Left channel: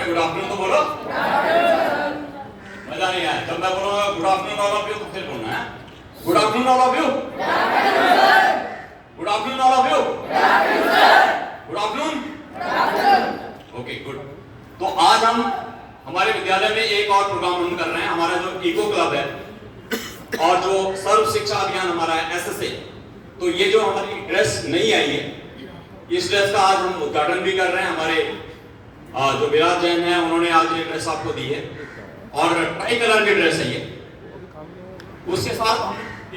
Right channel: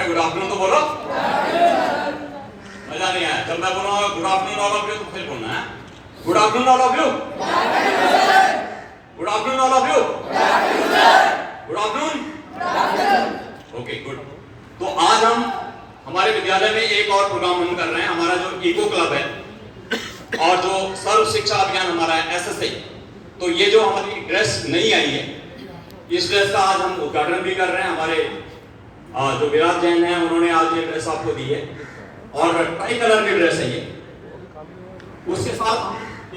Good afternoon तो बोलो। मजा नहीं आया। जब मैं बोलूंगा good afternoon all of you तो फिर बोलना है good afternoon all of you. Good afternoon all of you. Good afternoon. Okay good. तो आज हम हमारे विद्यालय में एक और प्रोग्राम हम कर रहे हैं, हमारा जो ईको क्लब है और जो सर्व शिक्षा अभियान हमारा है SSA। तो ये जो हमारी ड्रेस नई आई है, इस ड्रेस का आज हम उद्घाटन भी कर रहे हैं। हमारे जो विराज जैन है उन्होंने आज ये ड्रेस आपको दी है और ट्राई कलर की ड्रेस है ये। उसके साथ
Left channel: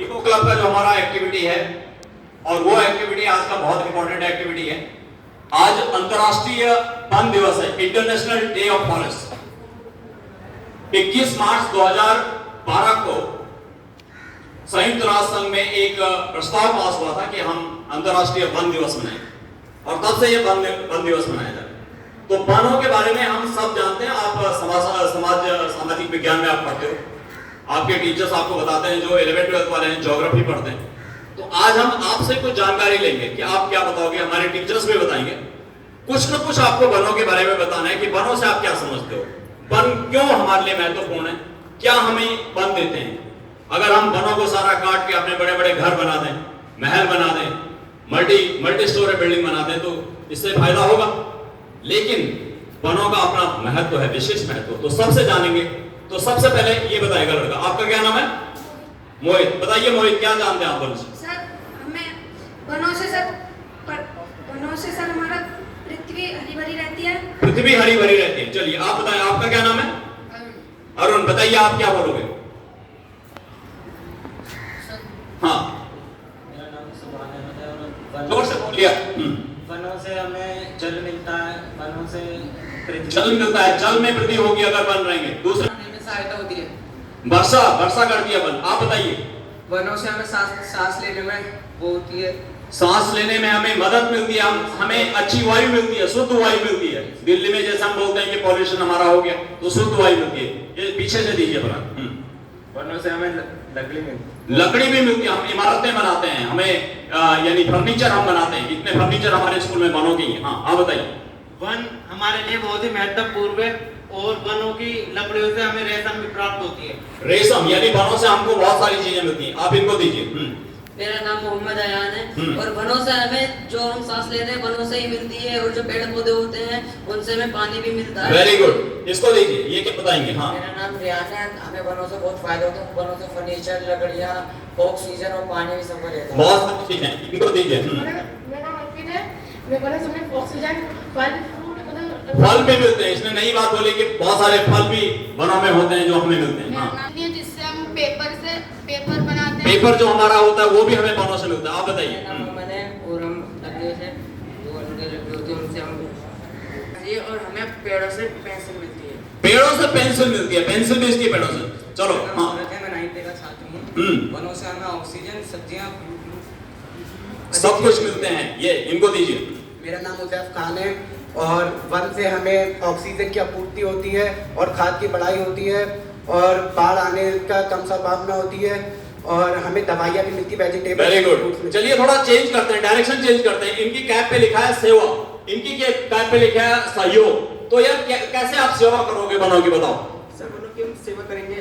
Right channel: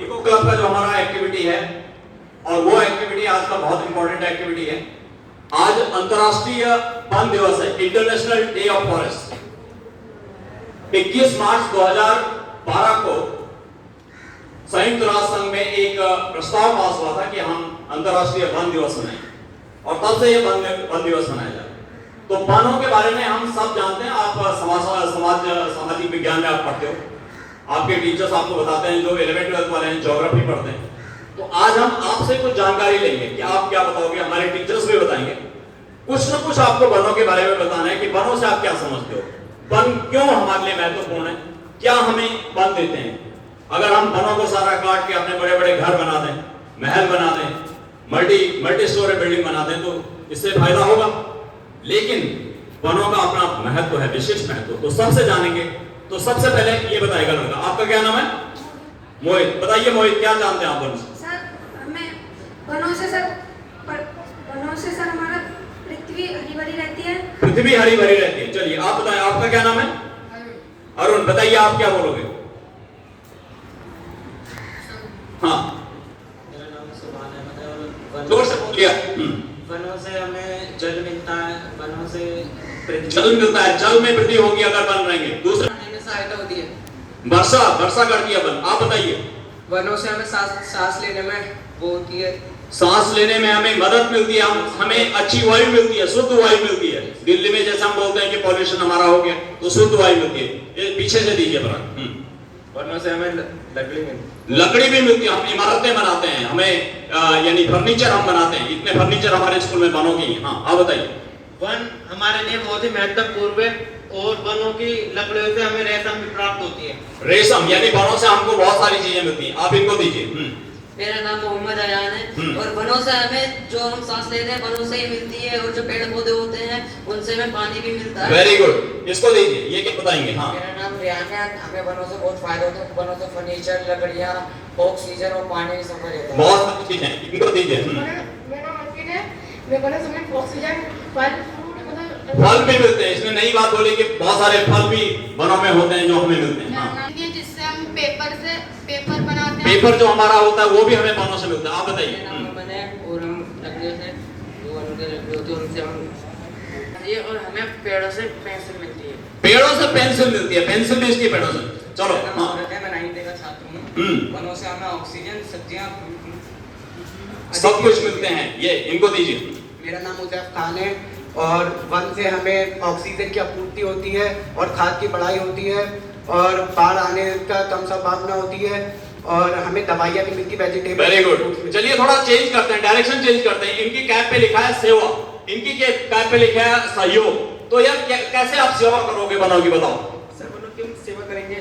ईको क्लब का जो हमारा एक्टिविटी है, और वो एक्टिविटी आज का बहुत इंपॉर्टेंट एक्टिविटी है। आज अंतरराष्ट्रीय वन दिवस है, इंटरनेशनल डे ऑफ फॉरेस्ट। 21 मार्च 2012 को संयुक्त राष्ट्र संघ में एक प्रस्ताव पास हुआ था कि हम अंतरराष्ट्रीय वन दिवस मनाएं, और तब से ये वन दिवस मनाया जाता है। तो वनों के बारे में हम सब जानते हैं। आप सामाजिक विज्ञान में आप पढ़ते हो, आपके टीचर्स आपको बताते हैं, जो 11th 12th वाले हैं ज्योग्राफी पढ़ते हैं। तो आज हम आपसे कुछ जानकारी लेंगे कि आप क्या बताओगे, हमारे टीचर्स भी बताएंगे। कुछ न कुछ आपको वनों के बारे में बताना है कि वनों से आप क्या समझते हो, वन क्यों हमारे लिए महत्वपूर्ण है, क्या हमें वन देते हैं। अगर हम वनों को सारा काट के अपने बड़े बड़े घर बना दें, महल बना दें, मल्टी स्टोरी बिल्डिंग बना दें, तो इससे फायदा होगा। लेकिन वनों का अपना महत्व है, विशेष महत्व, तो सबसे जानेंगे। तो सबसे पहले ये बताएगा लड़का, आपका क्या नाम है? मोहित। बताइए मोहित, क्या जानते हैं आप वन से? सर हमें वनों से सर हमारा पृथ्वी हरी भरी रहती है। पृथ्वी हरी भरी रहती है। चलिए आप बताएं, आपका क्या नाम है? अरुण। बताइए आप क्या बोलोगे? हाँ जोर से बोलिए। वनों से हमें जल मिलता है, वनों से जल मिलता है, जल में वृद्धि होगी अगर वन रहेंगे। दूसरा सहायता होती है, वर्षा करती है वन। आप बताइए। वनों से हमें सांस लेने में वो होती है, सांस लेने में हमें मदद मिलती है, हमें अच्छी वायु मिलती है, शुद्ध वायु मिलती है। दिल्ली में जैसे हम बोलते हैं कि पॉल्यूशन हमारा हो गया, तो शुद्ध वायु मिलती है। ये पीछे से दीजिए बड़ा। वनों से हमें लकड़ी भी मिलती है, हम इमारतें बनाते हैं, हमें यानी फर्नीचर हम बनाते हैं। इतने फर्नीचर हमारे स्कूल में वनों की। हाँ आप बताइए। वन हमारे लिए बहुत ही महत्वपूर्ण है, और वनों की लकड़ियों से हमें रेशम भी प्राप्त होती है। रेशम यानी वनों से हमको बहुत सारी चीजें मिलती हैं। आप इनको दीजिए। मेरा नाम मोहम्मद अयान है, और वनों से हमें जो हम सांस लेते हैं वनों से ही मिलती है, और जो पेड़ पौधे होते हैं उनसे हमें पानी भी मिलता है। Very good. इसको दीजिए, ये क्या बताएंगे? हाँ मेरा नाम रियान है। हमें वनों से बहुत फायदे होते हैं। वनों से फर्नीचर, लकड़ियाँ, ऑक्सीजन और पानी सब रहता है। बहुत सारी चीजें, इनको दीजिए। मेरा ऑर्किड है। वनों से हमें ऑक्सीजन, फल भी मिलते हैं। इसमें नई बात बोली कि बहुत सारे फल भी वनों में होते हैं जो हमें मिलते हैं। हाँ जिससे हम पेपर बनाते हैं। पेपर जो हमारा होता है वो भी हमें वनों से मिलता है। आप बताइए। और हम लकड़ियों से, जो उनकी लकड़ी होती है उनसे हम, और हमें पेड़ों से पेंसिल मिलती है। पेड़ों से पेंसिल मिलती है, पेंसिल भी इसकी पेड़ों से। चलो हाँ। मैं 9th का छात्र हूँ। वनों से हमें ऑक्सीजन, सब्जियाँ, सब कुछ मिलते हैं। ये इनको दीजिए। मेरा नाम उजैफ खान है, और वन से हमें ऑक्सीजन की आपूर्ति होती है, और खाद की बढ़ाई होती है, और बाढ़ आने का कम संभावना होती है, और हमें दवाइयाँ भी मिलती है, वेजिटेबल। Very good. चलिए थोड़ा चेंज करते हैं, डायरेक्शन चेंज करते हैं। इनकी कैप पे लिखा है सेवा, इनकी कैप पे लिखा है सहयोग। तो यार कैसे आप सेवा करोगे वनों की, बताओ? सर वनों की हम सेवा करेंगे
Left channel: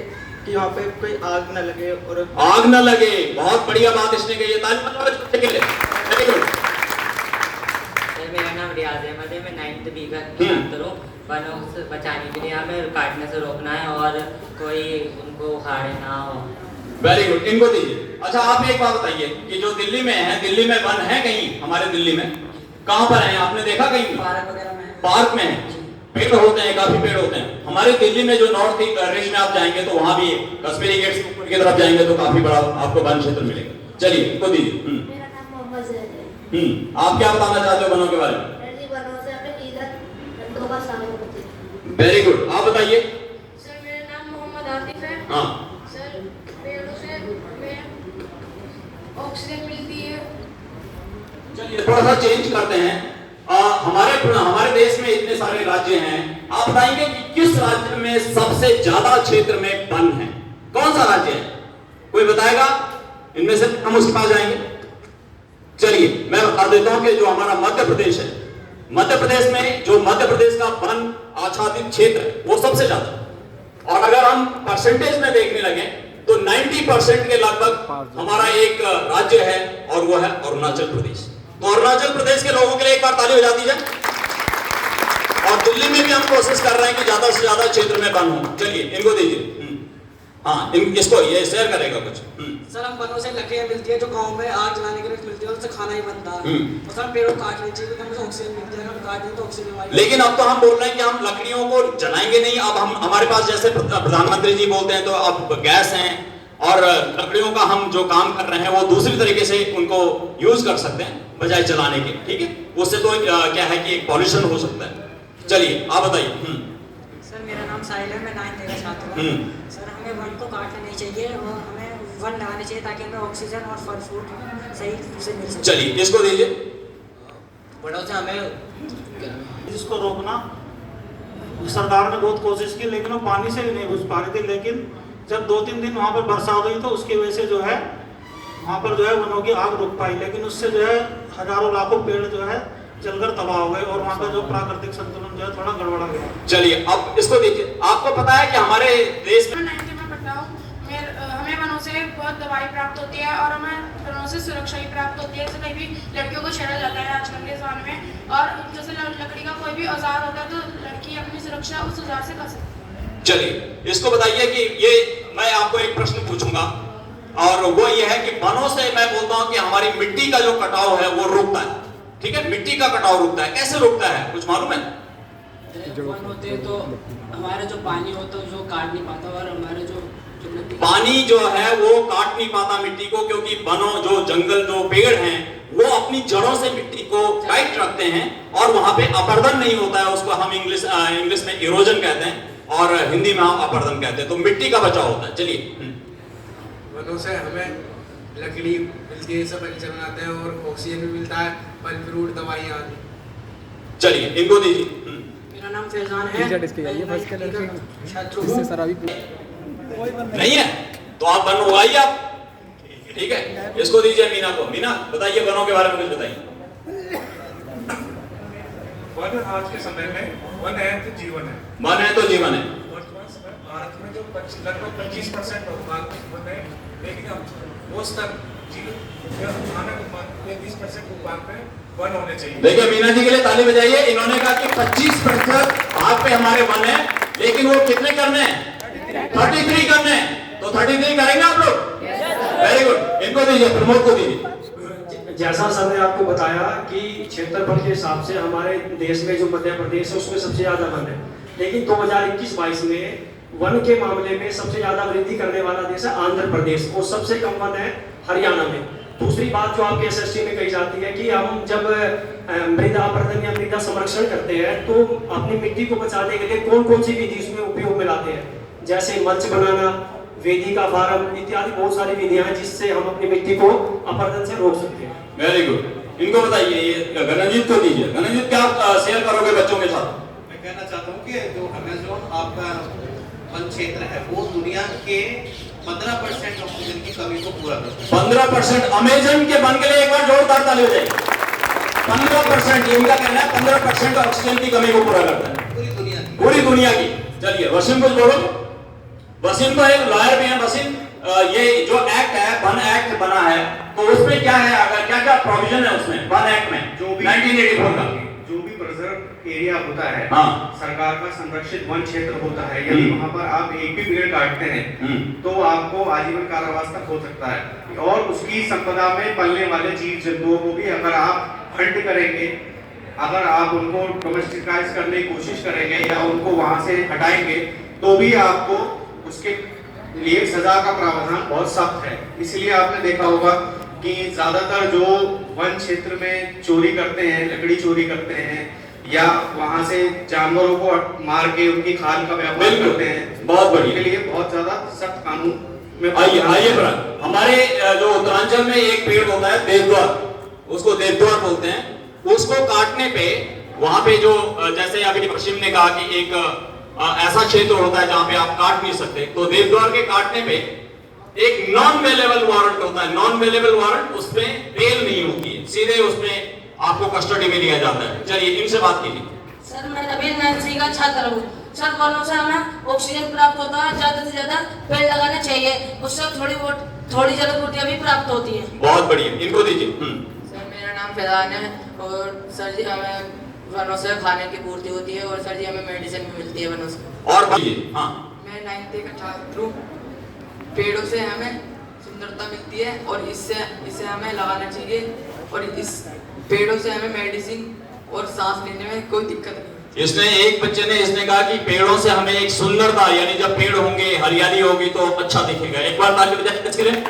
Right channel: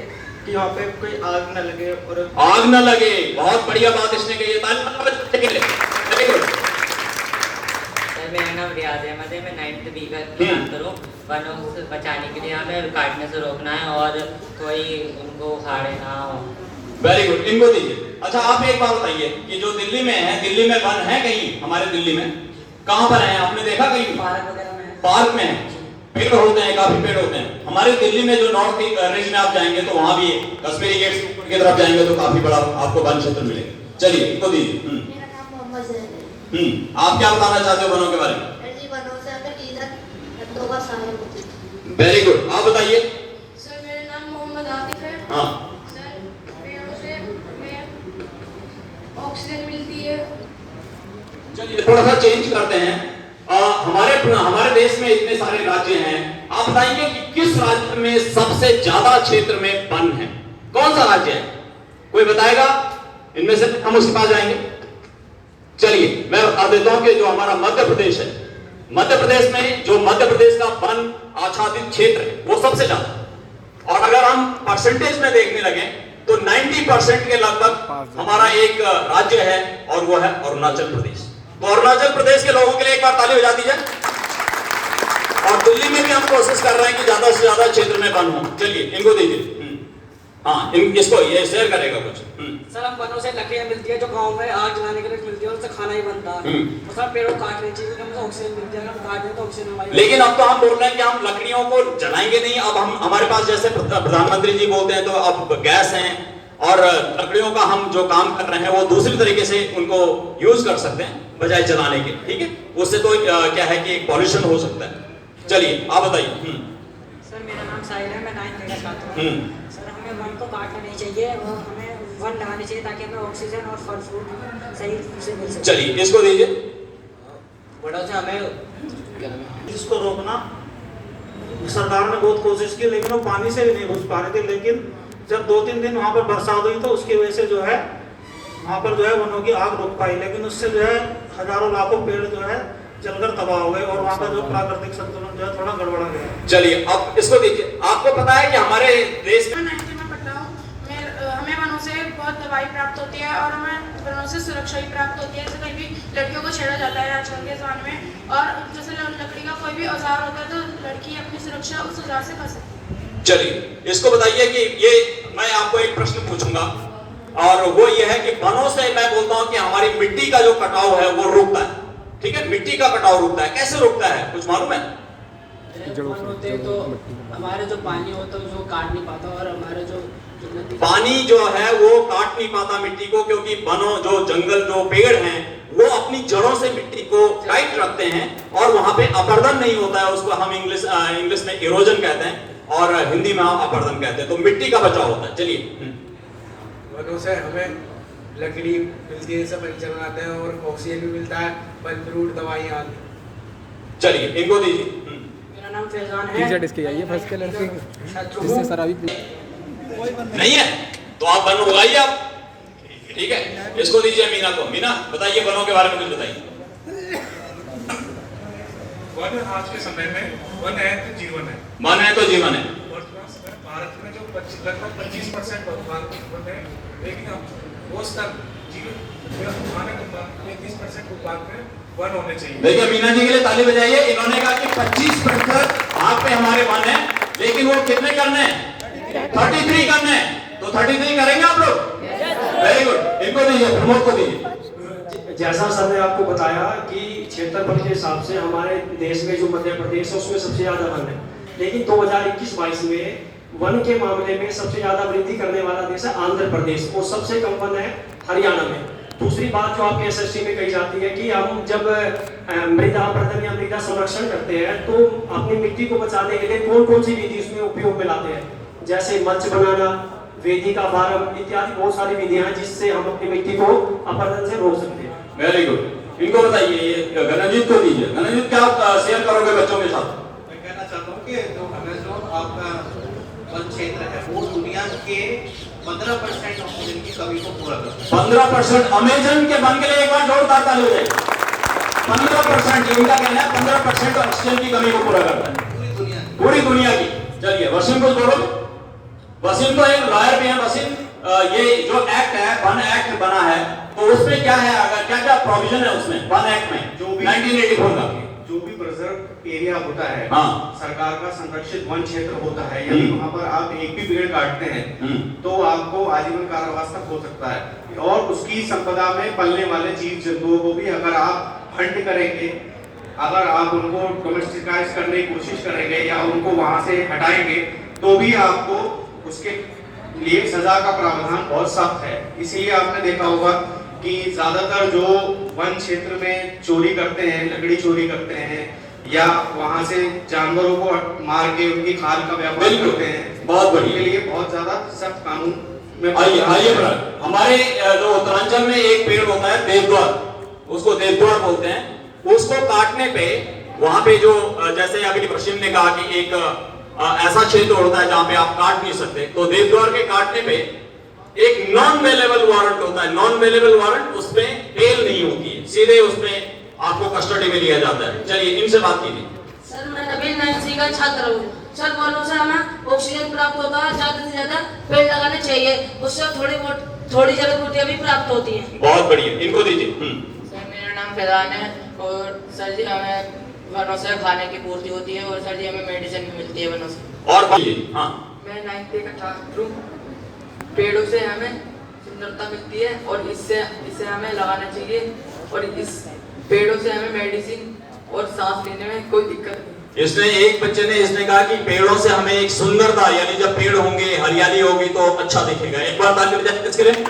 कि यहाँ पे कोई आग न लगे, और आग न लगे। बहुत बढ़िया बात इसने कही है। ताली बजाओ इसके लिए। Very good. मेरा नाम रियाज अहमद है। मैं 9th B का छात्र हूँ। वनों से बचाने के लिए हमें काटने से रोकना है, और कोई उनको उखाड़े ना हो। Very good. इनको दीजिए। अच्छा आप एक बात बताइए कि जो दिल्ली में है, दिल्ली में वन है कहीं? हमारे दिल्ली में कहाँ पर है? आपने देखा कहीं? पार्क वगैरह में है। पार्क में है, पेड़ होते हैं, काफी पेड़ होते हैं। हमारे दिल्ली में जो नॉर्थ रीच में आप जाएंगे तो वहां भी कश्मीरी गेट से ऊपर की तरफ जाएंगे तो काफी बड़ा आपको वन क्षेत्र मिलेगा। चलिए इनको दीजिए। मेरा नाम मोहम्मद जैद है। आप क्या बताना चाहते हो वनों के बारे में? वनों से हमें ईंधन का सहायक होती है। Very good. आप बताइए। सर मेरा नाम मोहम्मद आतिफ है। हाँ सर पेड़ों से हमें ऑक्सीजन मिलती है। चलिए थोड़ा सा चेंज करते हैं। हमारे देश में इतने सारे राज्य हैं, आप बताएंगे कि किस राज्य में सबसे ज्यादा क्षेत्र में वन है? कौन सा राज्य है? कोई बताएगा? इनमें से हम उसके पास जाएंगे। चलिए मैं बता देता हूं कि जो हमारा मध्य प्रदेश है, मध्य प्रदेश में जो मध्य प्रदेश का वन आच्छादित क्षेत्र है वो सबसे ज्यादा। और अगर हम परसेंटेज में देखने लगे तो 90% के लगभग हमारा एक राज्य है और वो है अरुणाचल प्रदेश। तो अरुणाचल प्रदेश के लोगों के लिए एक बार ताली बजा दीजिए। और दिल्ली में भी हम कोशिश कर रहे हैं कि ज्यादा से ज्यादा क्षेत्र में वन हो। चलिए इनको दीजिए। हाँ, इसको ये शेयर करेगा कुछ। सर, हम वनों से लकड़ियाँ मिलती है जो गांव में आग जलाने के लिए मिलती है, उनसे खाना ही बनता है। तो सर पेड़ों काटने चाहिए, तो ऑक्सीजन मिलती है, हम काट दें तो ऑक्सीजन हमारी। लेकिन अब तो हम बोल रहे हैं कि हम लकड़ियों को जलाएंगे नहीं। अब हम हमारे पास जैसे प्रधानमंत्री जी बोलते हैं तो अब गैस हैं और लकड़ियों का हम जो काम कर रहे हैं वो दूसरी तरीके से उनको यूज कर सकते हैं बजाय जलाने के। ठीक है, उससे तो क्या है कि पॉल्यूशन हो सकता है। चलिए आप बताइए। सर मेरा नाम साहिल है, मैं 9th का छात्र हूँ। सर हमें वन को काटना नहीं चाहिए और हमें वन लगाने चाहिए ताकि हमें ऑक्सीजन और फल फ्रूट सही से मिल सके। चलिए इसको दीजिए। बड़ों से हमें इसको रोकना सरकार ने बहुत कोशिश की, लेकिन वो पानी से भी नहीं घुस पा रहे थे। लेकिन जब 2-3 दिन वहाँ पर बरसात हुई तो उसकी वजह से जो है वहाँ पर जो है वनों की आग रुक पाई, लेकिन उससे जो है हजारों लाखों पेड़ जो है जलकर तबाह हो गए और वहाँ का जो प्राकृतिक संतुलन जो है थोड़ा गड़बड़ा गया। चलिए अब इसको दीजिए। आपको पता है कि हमारे देश में हमें वनों से बहुत दवाई प्राप्त होती है और हमें वनों से सुरक्षा भी प्राप्त होती है। जैसे कहीं भी लड़कियों को छेड़ा जाता है आजकल के ज़माने में, और जैसे लकड़ी का कोई भी औजार होता है तो लड़की अपनी सुरक्षा उस औजार से कर सकती है। चलिए इसको बताइए कि ये मैं आपको एक प्रश्न पूछूंगा और वो ये है कि वनों से मैं बोलता हूँ कि हमारी मिट्टी का जो कटाव है वो रुकता है। ठीक है, मिट्टी का कटाव रुकता है। कैसे रुकता है कुछ मालूम है? होते हैं तो हमारे जो पानी होता है जो काट नहीं पाता, और हमारे जो पानी जो है वो काट नहीं पाता मिट्टी को, क्योंकि वनों जो जंगल जो पेड़ हैं वो अपनी जड़ों से मिट्टी को टाइट रखते हैं और वहां पे अपर्दन नहीं होता है। उसको हम इंग्लिश में इरोजन कहते हैं और हिंदी में हम अपर्दन कहते हैं। तो मिट्टी का बचाव होता है। चलिए वनों से हमें लकड़ी मिलती है, सब जलाते हैं और ऑक्सीजन भी मिलता है, फल फ्रूट दवाइयाँ आदि। चलिए इनको दीजिए। मेरा नाम फैजान है। नहीं है तो आप वन उगाइए आप। ठीक है, इसको दीजिए मीना को। मीना बताइए वनों के बारे में कुछ बताइए। वन आज के समय में वन है तो जीवन है। वन है तो जीवन है। वर्तमान समय भारत में जो लगभग 25% वन है, लेकिन वो स्तर आने को 30% उपांत में वन होने चाहिए। देखिए मीना जी के लिए ताली बजाइए। इन्होंने कहा कि 25% आप पे हमारे वन है, लेकिन वो कितने करने हैं? 33 करने हैं। तो 33 करेंगे आप लोग? Very good. इनको दीजिए, प्रमोद को दीजिए। जैसा सर ने आपको बताया कि क्षेत्रफल के हिसाब से हमारे देश में जो मध्य प्रदेश है उसमें सबसे ज्यादा वन है, लेकिन 2021-22 में वन के मामले में सबसे ज्यादा वृद्धि करने वाला देश है आंध्र प्रदेश और सबसे कम वन है हरियाणा में। दूसरी बात जो आपके एसएसटी में कही जाती है कि हम जब मृदा अपरदन या मृदा संरक्षण करते हैं तो अपनी मिट्टी को बचाने के लिए कौन कौन सी विधि उसमें उपयोग में लाते हैं, जैसे मल्च बनाना, वेदिका फार्म इत्यादि बहुत सारी विधियां हैं जिससे हम अपनी मिट्टी को अपरदन से रोक सकते हैं। Very good. इनको बताइए। गणजीत को दीजिए। गणजीत क्या शेयर करोगे बच्चों के साथ? मैं कहना चाहता हूँ कि जो अमेज़न आपका वन क्षेत्र है वो दुनिया के 15% ऑक्सीजन की कमी को पूरा करता है। 15% अमेज़न के वन के लिए एक बार जोरदार ताली बजाइए। 15% इनका कहना है 15% ऑक्सीजन की कमी को पूरा करता है पूरी दुनिया की। चलिए वसीम कुछ बोलो। वसीम तो एक लॉयर भी है। वसीम, ये जो एक्ट है वन एक्ट बना है तो उसमें क्या है, अगर क्या क्या प्रोविजन है उसमें वन एक्ट में जो 1984 का जो भी प्रिजर्व एरिया होता है, सरकार का संरक्षित वन क्षेत्र होता है, यदि वहाँ पर आप एक भी पेड़ काटते हैं तो आपको आजीवन कारावास तक हो सकता है। और उसकी संपदा में पलने वाले जीव जंतुओं को भी अगर आप हंट करेंगे, अगर आप उनको डोमेस्टिकाइज करने की कोशिश करेंगे या उनको वहाँ से हटाएंगे तो भी आपको उसके लिए सजा का प्रावधान बहुत सख्त है। इसलिए आपने देखा होगा कि ज्यादातर जो वन क्षेत्र में चोरी करते हैं, लकड़ी चोरी करते हैं या वहां से जानवरों को मार के उनकी खाल का व्यापार करते हैं, बहुत बढ़िया, के लिए बहुत ज्यादा सख्त कानून में आइए हमारे जो उत्तरांचल में एक पेड़ होता है देवदार, उसको देवदार बोलते हैं। उसको काटने पे वहां पे जो जैसे अभी पश्चिम ने कहा कि एक ऐसा क्षेत्र होता है जहां पे आप काट नहीं सकते, तो देवदार के काटने पे एक नॉन वेलेबल वारंट होता है। नॉन वेलेबल वारंट, उसमें बेल नहीं होती है, सीधे उसमें आपको कस्टडी में लिया जाता है। चलिए इनसे बात कीजिए। सर मैं नवीन नर्सरी का छात्र हूँ। सर वनों से हमें ऑक्सीजन प्राप्त होता है, ज्यादा से ज्यादा पेड़ लगाने चाहिए, उससे थोड़ी जल पूर्तियाँ भी प्राप्त होती हैं। बहुत बढ़िया, इनको दीजिए। सर मेरा नाम फैजान है और सर जी हमें वनों से खाने की पूर्ति होती है और सर जी हमें मेडिसिन भी मिलती है वनों से। और बताइए। हाँ, मैं 9th का छात्र हूँ। पेड़ों से हमें सुंदरता मिलती है और इससे हमें लगाना चाहिए और इस पेड़ों से हमें मेडिसिन और सांस लेने में कोई दिक्कत नहीं। इसने एक बच्चे ने इसने कहा कि पेड़ों से हमें एक सुंदरता, यानी जब पेड़ होंगे हरियाली होगी तो अच्छा दिखेगा। एक बार ताली बजाएं इसके लिए।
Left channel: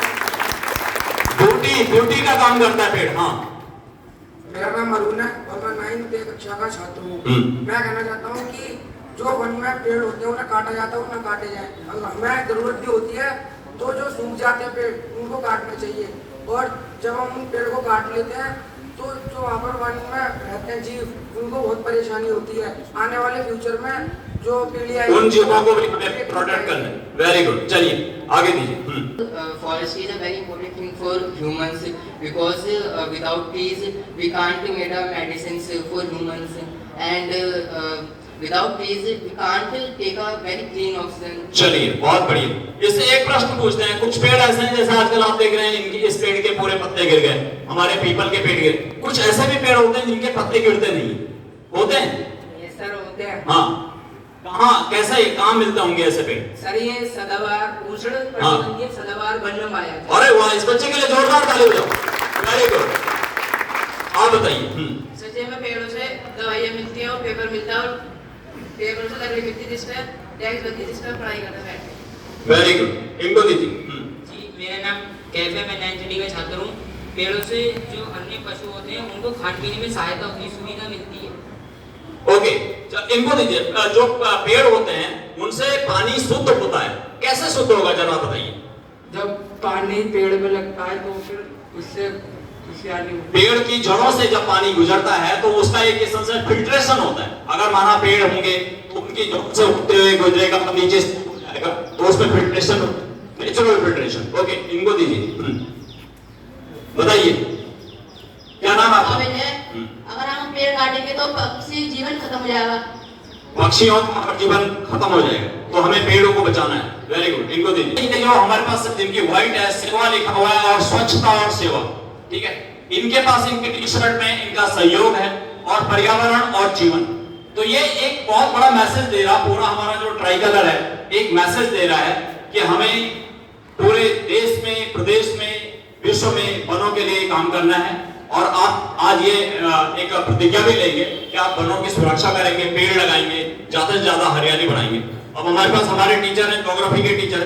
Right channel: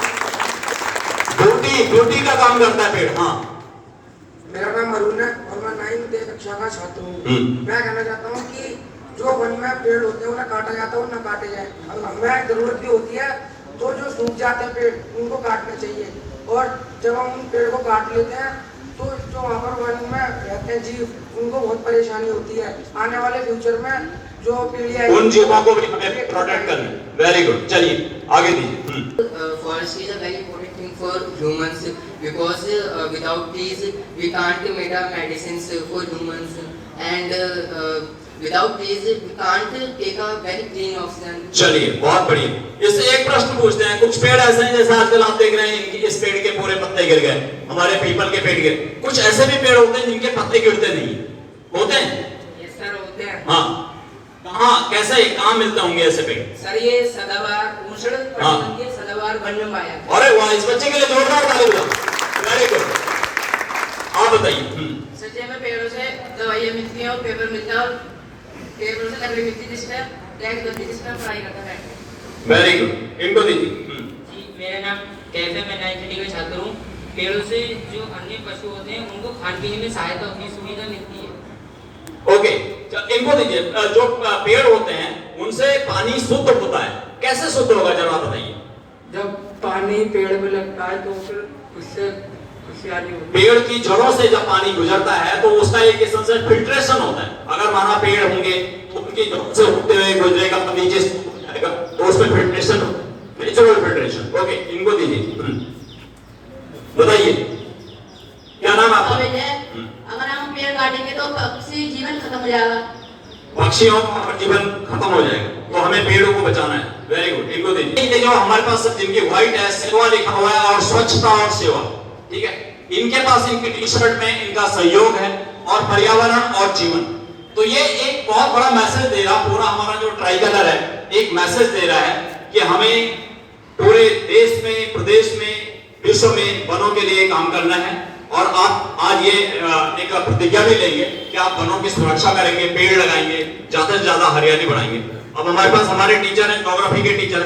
ब्यूटी का काम करता है पेड़। हाँ, मेरा नाम अरुण है और मैं 9th कक्षा का छात्र हूँ। मैं कहना चाहता हूँ कि जो वन में पेड़ होते हैं उन्हें काटा जाता है, उन्हें काटे जाए। हमें जरूरत भी होती है तो जो सूख जाते हैं पेड़ उनको काटना चाहिए। और जब हम उन पेड़ को काट लेते हैं तो जो वहाँ पर वन में रहते हैं जीव उनको बहुत परेशानी होती है। आने वाले फ्यूचर में जो पीढ़ी आएगी उन जीवों को भी प्रोटेक्ट करना। वेरी गुड, चलिए आगे दीजिए। Forestry is a very important thing for humans because without trees we can't make a medicines for humans and without trees we can't take a very clean oxygen. चलिए बहुत बढ़िया। इससे एक प्रश्न पूछते हैं। कुछ पेड़ ऐसे हैं जैसे आजकल आप देख रहे हैं इनकी इस पेड़ के पूरे पत्ते गिर गए, हमारे पीपल के पेड़ गिरे। कुछ ऐसे भी पेड़ होते हैं जिनके पत्ते गिरते नहीं होते हैं। ये सर होते हैं। हाँ, कहाँ कैसे कहाँ मिलते होंगे ऐसे पेड़? सर ये सदाबहार उष्ण कटिबंधीय के सदाबहार वन में पाया जाता है। अरे वाह, इस बच्चे के लिए जोरदार ताली बजाओ। वेरी गुड, आप बताइए। सर जी हमें पेड़ों से दवाइयाँ मिलती हैं और पेपर मिलता है और पेड़ों से लकड़ी मिलती है जिसमें डेस्क बनती है जिसमें पढ़ाई करता है। वेरी गुड, इनको दीजिए। जी मेरा नाम कैफ है, मैं 9th का छात्र हूँ। पेड़ों से जो अन्य पशु होते हैं उनको खाने पीने में सहायता होती है, सुविधा मिलती है। ओके, इनको दीजिए। जो पेड़ होते हैं उनसे पानी शुद्ध होता है, कैसे शुद्ध होगा जरा बताइए। जब पानी पेड़ में लगता है तो फिर उससे खुशहाली होती है। पेड़ की जड़ों से जब पानी गुजरता है तो उसका एक किस्म से फिल्ट्रेशन होता है। अगर माना पेड़ होंगे तो उनकी जड़ों से होते हुए गुजरेगा, नीचे हो जाएगा तो उसमें फिल्ट्रेशन, नेचुरल फिल्ट्रेशन। ओके, इनको दीजिए। बताइए क्या नाम है आपका? अगर हम पेड़ काटेंगे तो पक्षी जीवन खत्म हो जाएगा। पक्षियों का जीवन खत्म हो जाएगा, तो हमें पेड़ों को बचाना है। वेरी गुड, इनको दीजिए। जो हमारे पास सब जिनकी व्हाइट है, सेवा लिखा हुआ है और स्वच्छता और सेवा, ठीक है, इनके पास इनकी टी शर्ट में इनका सहयोग है और पर्यावरण और जीवन। तो ये एक बहुत बड़ा मैसेज दे रहा, पूरा हमारा जो ट्राई कलर है एक मैसेज दे रहा है कि हमें पूरे देश में, प्रदेश में, विश्व में वनों के लिए काम करना है। और आप आज ये एक प्रतिज्ञा भी लेंगे कि आप वनों की सुरक्षा करेंगे, पेड़ लगाएंगे, ज्यादा से ज्यादा हरियाली बढ़ाएंगे। अब हमारे पास हमारे टीचर हैं, ज्योग्राफी के टीचर